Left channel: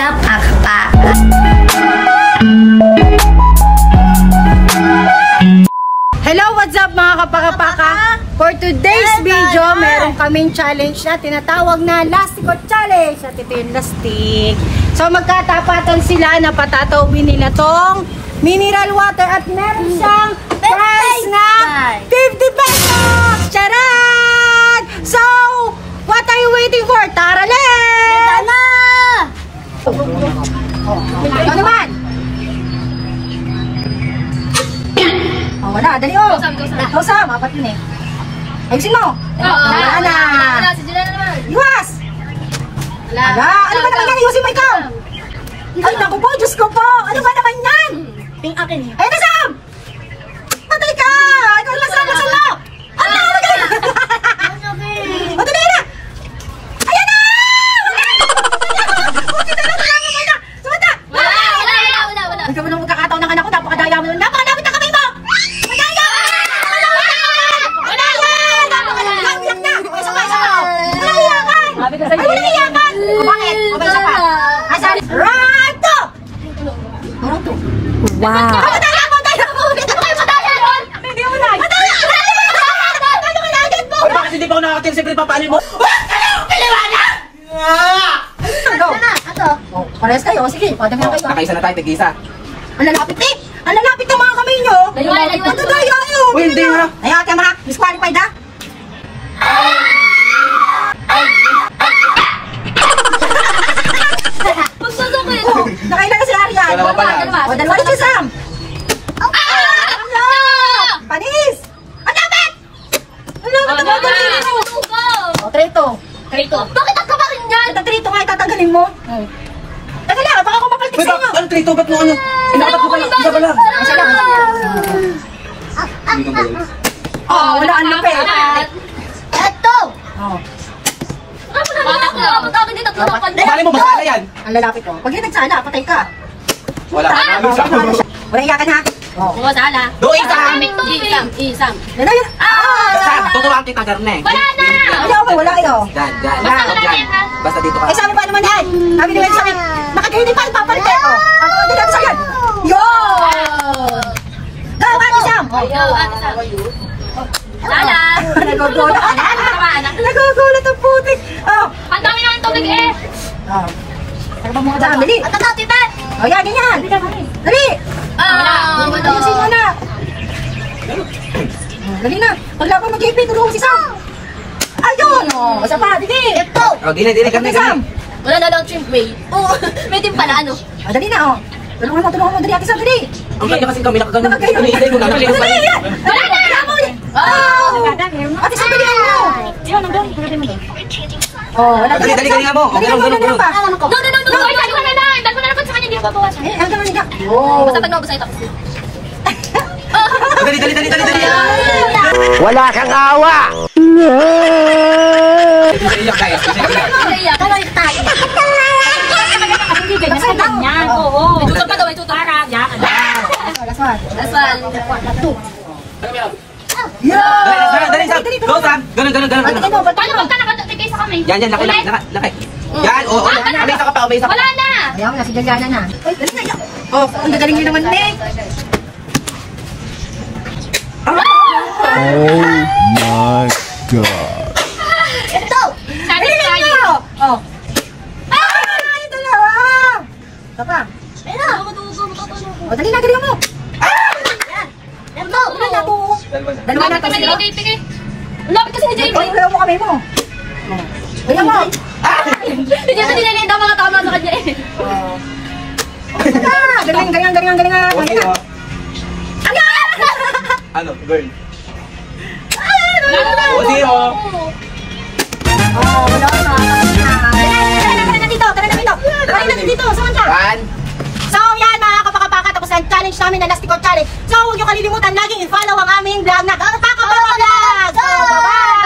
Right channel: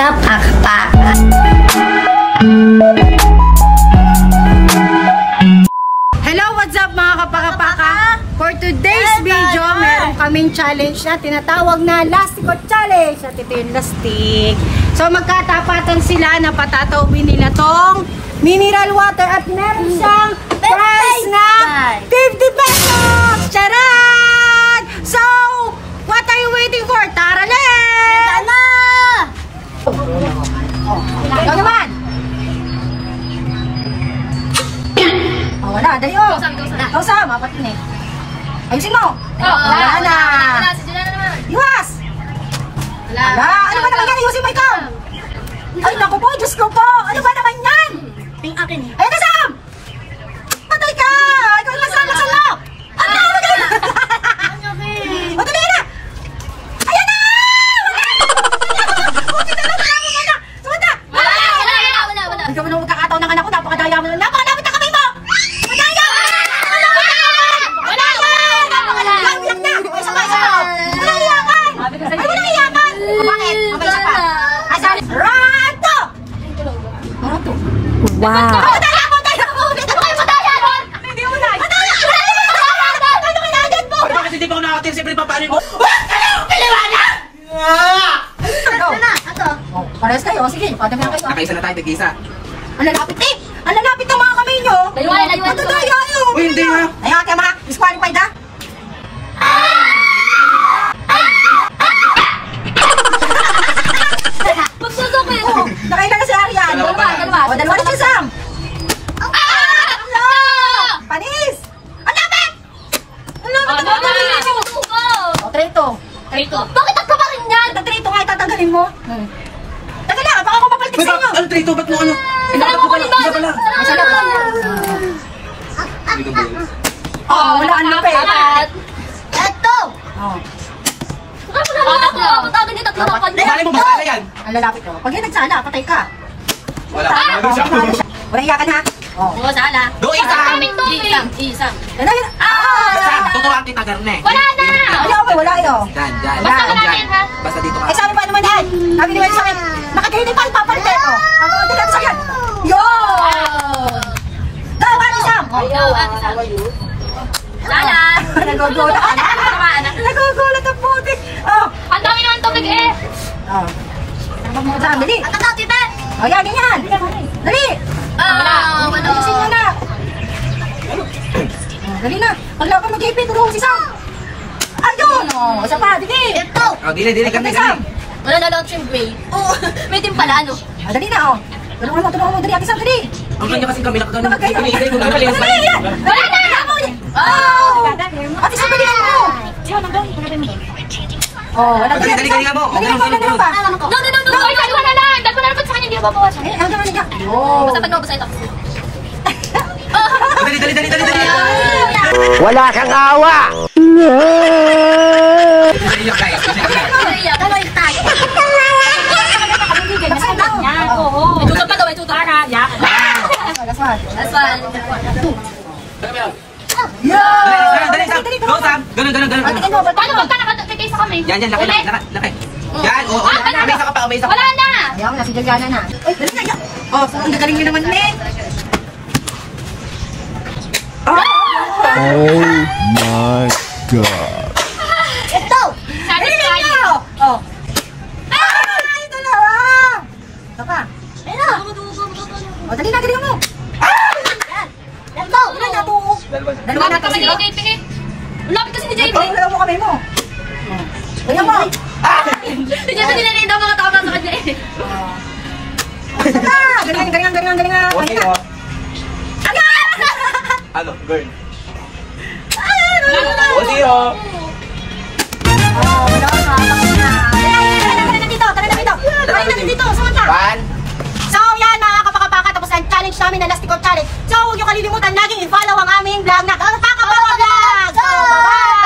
What's up, Akpa? Hello, what's up mga kapakapaka? For today's video, meron kaming challenge na tinatawag na Lastic Challenge. At ito yung lastik. So magkatapatan sila na patatawin nila tong mineral water at meron siyang prize na 50 pesos! Charan! So, what are you waiting for? Tara, let's! Tara! Ikaw naman! Oh, wala, dali o! Kausam, apat yun eh. Ayusin mo! Wala na! Iwas! Wala! Ano ba naman yan? Ayusin mo ikaw! Ay, naku po! Diyos ko po! Ano ba naman yan? Ping akin. Ay, nasam! Patay ka! Ikaw lang sa masalak! Ano na ka? Matulay na! Ayan na! Sumata! Wala. Hindi ka mo nung magkakataon ng anak ko. Napakadaya mo. Napakadamit na kamay mo! Madaya! Wala yan! Napakadaya na! Isa pa! Wala iyakan! Ay, wala iyakan! Bakit? Okay, isa pa. Rato! Rato? Wow! Madaya mo! Hindi mo na! Madaya! Ano ka natin po? Bakit hindi pa ako nakatin? Siyempre papanin mo? Piliwanag! Go! Ito. Oh, parehas kayo. Sige, padami na kayo. Nakaisa na tayo, tig-isa. Ang lalapit eh! Ang lalapit ng mga kamay nyo! Layuan. Matadaya nyo! Uy, hindi ha! Ay, ate mga disqualified ha? Magsusukit. Oh, nakailan na si Arian. Dalawa pa na. O, dalawa na si Sam. Panis! Ang lapit! Ang lapit! O, trito. Bakit ang kama rin yan? Ito, trito nga itatanggalin mo. Tagal lang, baka ako mapaltik Uy, sa inyo. ano trito? Ba't mo ano? Dapat mo pala. Hindi pala. Ay, siya lang. Dito ba yun? Oh, wala ang lapit. Ito. Oh, Malay mo, masala yan. ang lalapit ko. Pag yan nagsala, patay ka. Wala. Ano siya? Wala ika ka na. Oh. Sala. Do, isang! Isang. Yan na, yan. Saan? Tutuwang kita, Garne. Wala na. Wala kayo. Dyan. Basta wala Dyan. yan, ha? Basta dito ka. Eh, saan ba naman yan? Sabi nila sa akin, nakagaydin pa, ipapalit ko. Ako, hindi lang sa akin. Yo! Go, Ate Sam! Sala. Nagugulat ang putik. Oh, Ang dami naman tubig eh. oh. Ano ba mga dami? Dali. At ang tita. Oh, yan, ganyan. Dali. Ayusin mo na. Dali na. Pagla ko mag-ipin, tulungan si Sam. Ayun! Oh, isa pa, dali. Ito. Oh, dili, Garne, Garne. Wala na lang chimway. Oo. May din pala ano. Oh, dali na, oh. Tulungan mo, dali, Ate Sam, dali. Ang kanya kasi kami nakagano. Dali, wala na. Oh! Ate Sam, dali na. Oh, wala Dali, kanina mo. Dali mo pa. No. Wala na. Dahil ko na naman sa kanya, hindi ko babawasan. Eh, hanggang nandiyan. Oh. Basta pag nabasa ito kasi. Dali. Wala kang awa! Iyak tayo. Tuloy tayo. Hindi ganyan sa ganyan. Oo. May tutor pa daw, may tutor. That's one. That's one. Dali, Go, Sam. Ganun. Paano pagka nakatikay sa kami? Yan, laki. Yan, oo. May isa ka pa, may isa ka. Wala na. Ayaw na, si Jajana na. Uy, dali na. Oh, ang gagaling nyo naman, Neng. Oh my God! Ito. Sabi Dali sa na kanya. nyo. Oh. Ay, dalawa. Ito pa. Ano? Oh, dali na, dali mo. Ito. Dali na po. Dalawa na kasi. Tingin. Lapit kasi ni JP. Ayaw mo kami mo. Ayaw mo. Hindi sa nilalita mga tama sa kanya eh. Galing. Ayan. Ano, girl? Zero. Oh, wala na. Tara na dito. Tara na dito. Saan ka? One. So, yan mga kapakapaka. Tapos ang challenge namin na Lastic Challenge. So, huwag niyo kalilimutan laging i-follow ang aming vlog na Kapakapaka Vlog. So, bye-bye!